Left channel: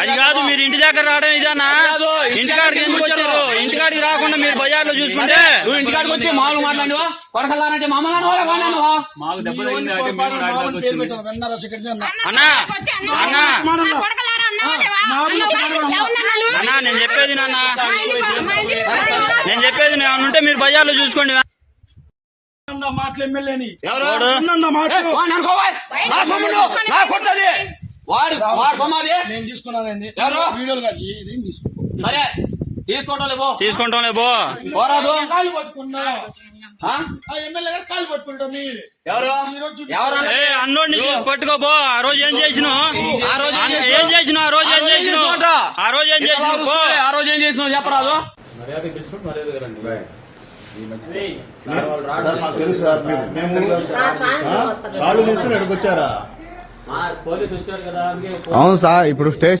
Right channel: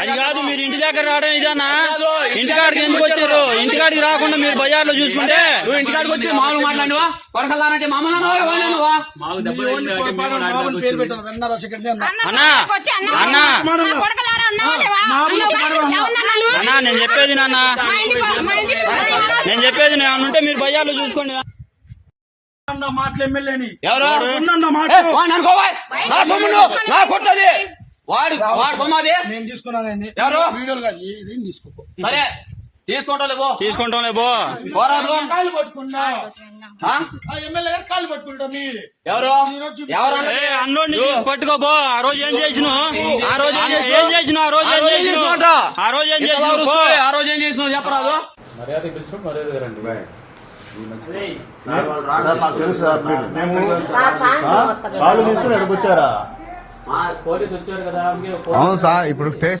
అది కాదు, మీరు ఇంటి దగ్గర రావడం ఇదానా? ఇంటికాడికి ఎందుకు వచ్చారు? ఇంటికాడికి రాకుండా మీరు బజార్లో చూసుకుంటే ఇంటికాడికి వచ్చి మామూలు మాట్లాడినవా? కొడకల్లారంటే మామూలు అన్నా అన్నా అన్నా నేను చెప్పేది నాన్న, నేను చెప్పేది ఉంటే మీరు బజార్లో చూసుకోండి. మాటలు ఎమ్మెల్యేని నేను తీసుకున్నాను తీసుకుంటాంలే బో. కాళ్ళు పట్టుకున్నా ఎమ్మెల్యే గారు కాళ్ళు పట్టుకుంటాం. అన్నోడిని పట్టుకోబో. ఆ రోజు ఏం చేసినావు? ఏం చేసినావు? ఆ రోజు ఏం చేసినావు? ఆ రోజు ఏం చేసినావు? పో. ఆ రోజు ఏం చేసినావు చెప్పరాదు. తెలుసు మేము కాళ్ళు తీసుకుని అడుగుచ్చారా? అవును సార్, ఇప్పుడు స్టేషన్